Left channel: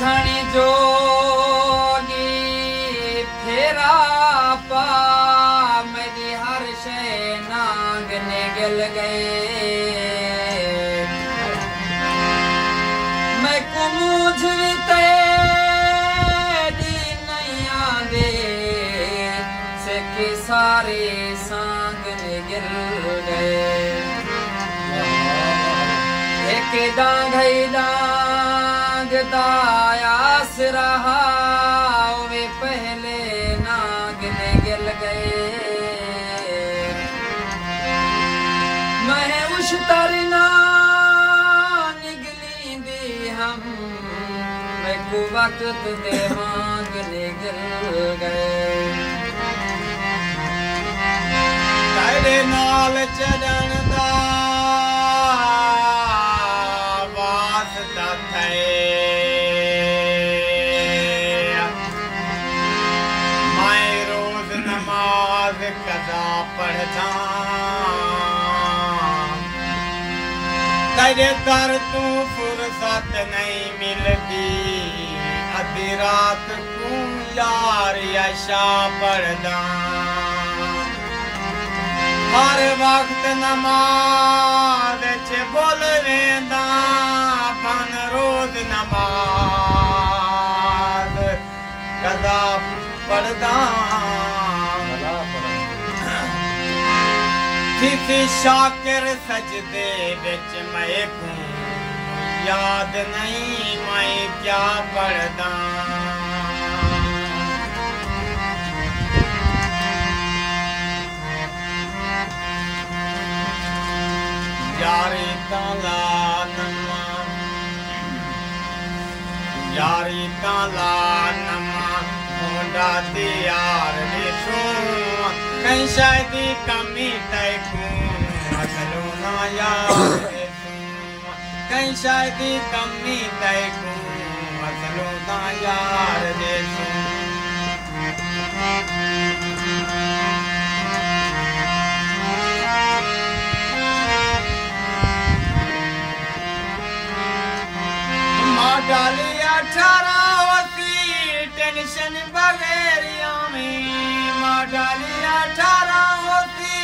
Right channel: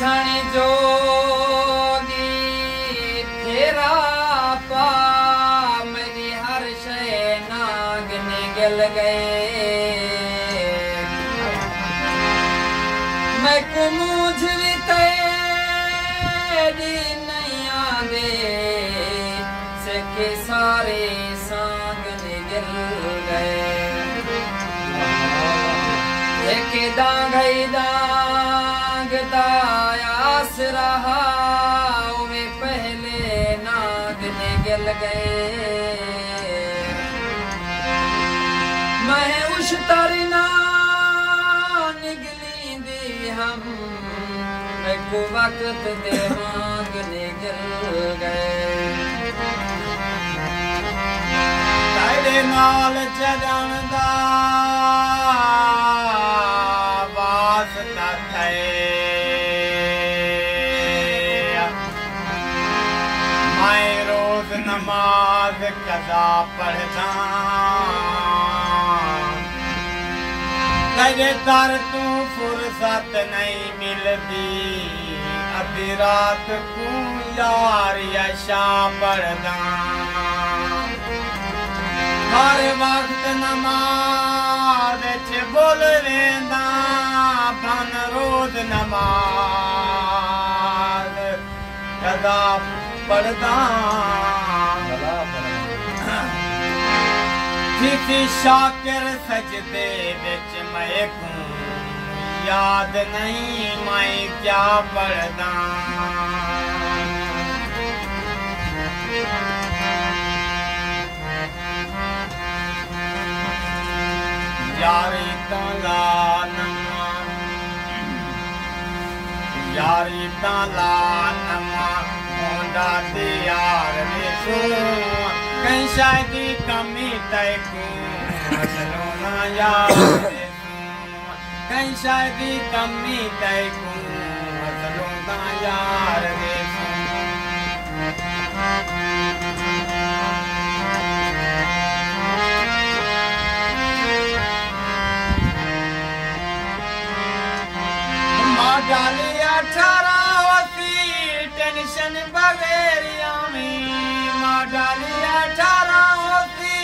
झणी जोगी फेरा पा मेरी हर शय नाग निगल गए मैं कुमूझ तेरी नैया दे से के सारे सांग निगल गए एक दांगई दायास रहा वे पहले नाग निगल गए मैं उस तरना निगली दी हम मैं को वक्त दे मांग निगल गए तेरे नाल चरण दा कदा पढ़दा तेरे दर तू फुर्सत नहीं मिलदी अधी रात तू यार यशा पढ़दा हर वक्त नमाज च बोल लेंदा बन रोज नमाज कदा पढ़दा किसी शाकिर सजदे विच मैं को याद नहीं मैं क्या पढ़दा यारी ताला नमा होंदा दियार विसो कहीं शायद कमी तैकू असलो ना यार कहीं शायद कमी तैकू असलो ना यार डाली 18 होती टेंशन बगैरिया में माँ डाली 18 होती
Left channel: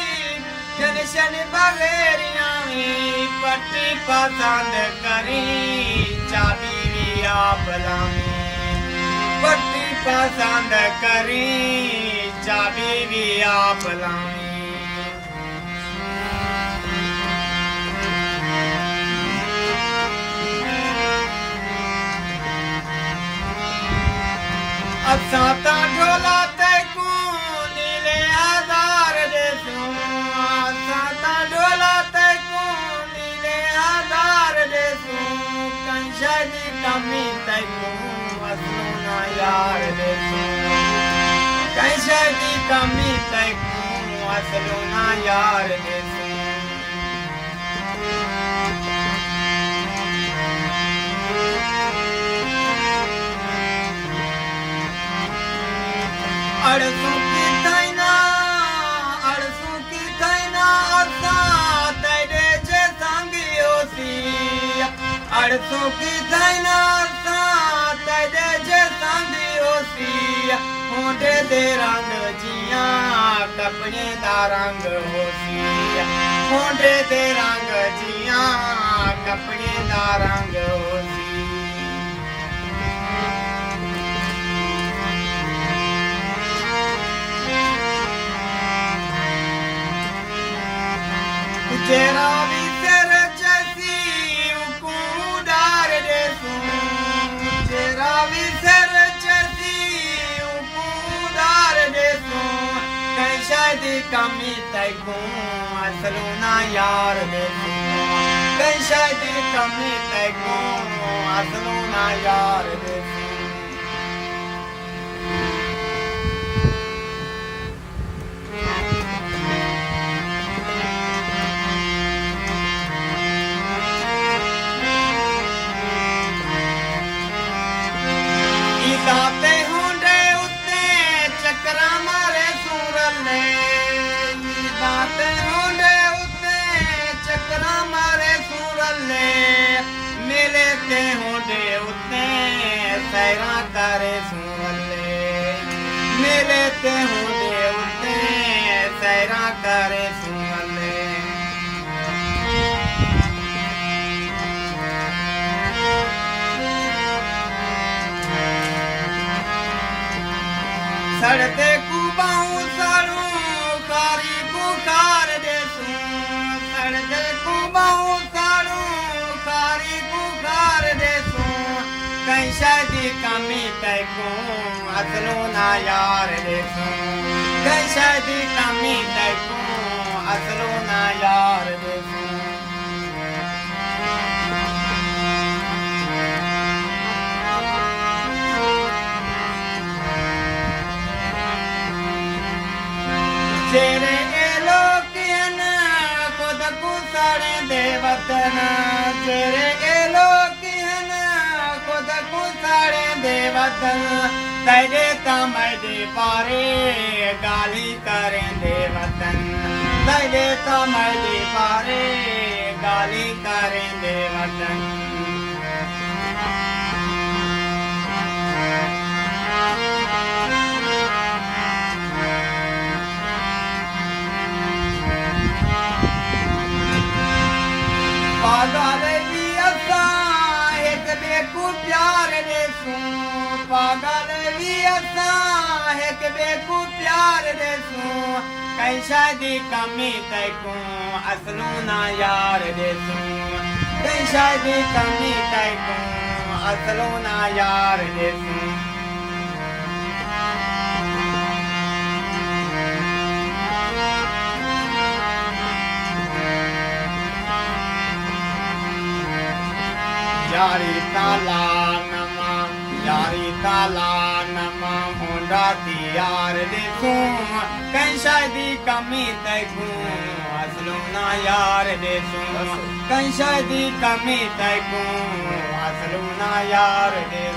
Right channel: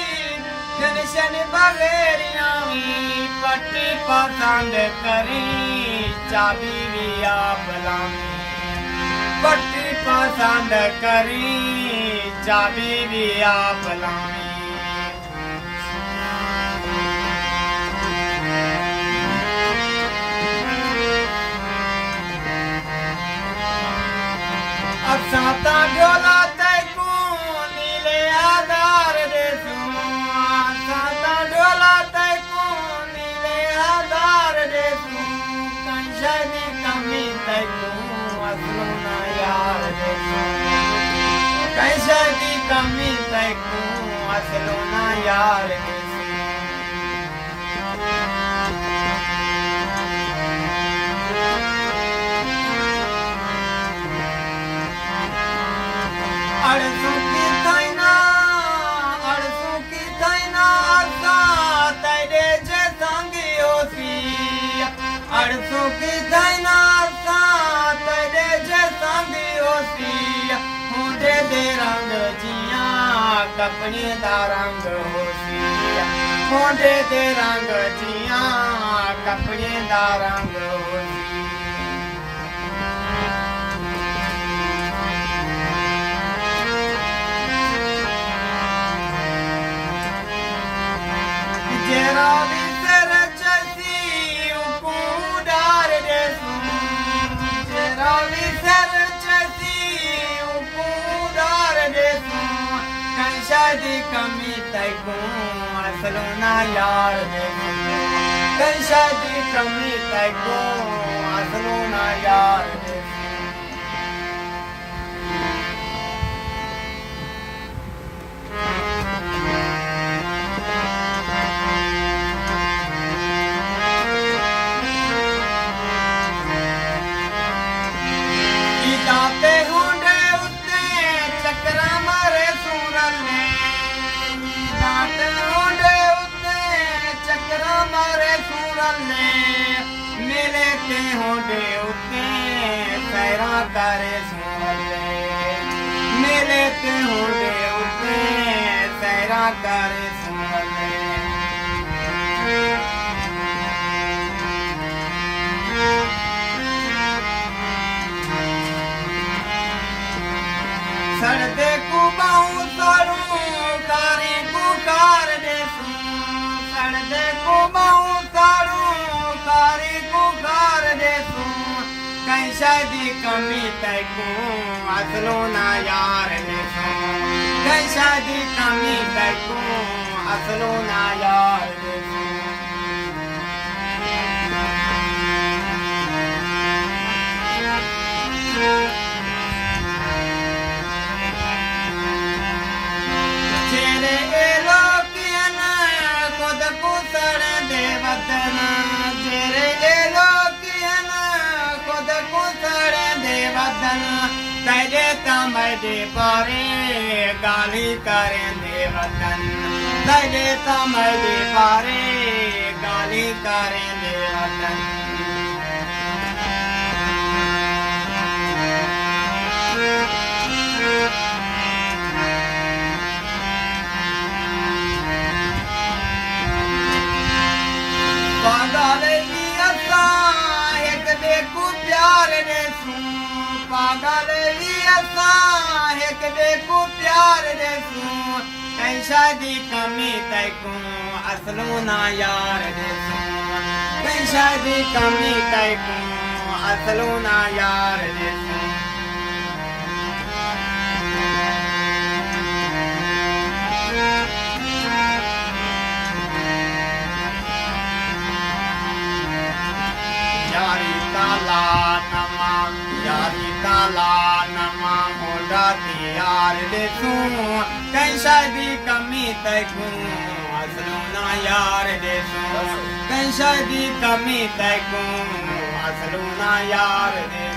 टेंशन बगैरिया में पट्टी पसंद करी चाबी लिया बलामी पट्टी पसंद करी चाबी लिया बलामी साता डोला तैकू नीले आधार दे साता डोला तैकू नीले आधार दे कंशनी कमी तैकू असलो ना यार दे कंशनी कमी तैकू असलो ना यार दे अड़सों की थैना अर्सा तेरे जे संगी होती अड़सों की थैना अर्सा तेरे जे संगी होती होंदे दे रंग जिया कपड़े दा रंग होती होंदे दे रंग जिया कपड़े दा रंग होती तेरा भी तेरे जैसी उकुदार दे तेरा भी तेरे जैसी उकुदार दे कहीं शायद कमी तैकू असलो ना यार दे कहीं शायद कमी तैकू असलो ना यार दे दाते होंडे उत्ते चक्रा मारे सूरल ने दाते होंडे उत्ते चक्रा मारे सूरल ने मिले के होंडे उत्ते सैरा करे सुले मेले ते होंदे उते सैरा करे सुले सड़ते कुबाऊ सारू कारी पुकार दे सड़ते कुबाऊ सारू कारी पुकार दे कहीं शादी कमी तय को असलो ना यार दे कहीं शादी कमी तय को असलो ना यार दे चेरे एलोकियन खुद कुसड़ दे वतन चेरे एलोकियन खुद कुसड़ दे वतन तेरे तमय दे पारे गाली करें दे वतन तेरे तमय दे पारे गाली करें दे वतन पागल भी असा एक बेकू प्यार दे पागल भी असा एक बेकू प्यार दे कहीं शादी कमी तय को असलो ना यार दे कहीं शादी कमी तय को असलो ना यार दे यारी ताला नमा होंडा यार देखूं कहीं शादी कमी तकूं असलो ना यार देखूं कहीं शादी कमी तकूं असलो ना यार दे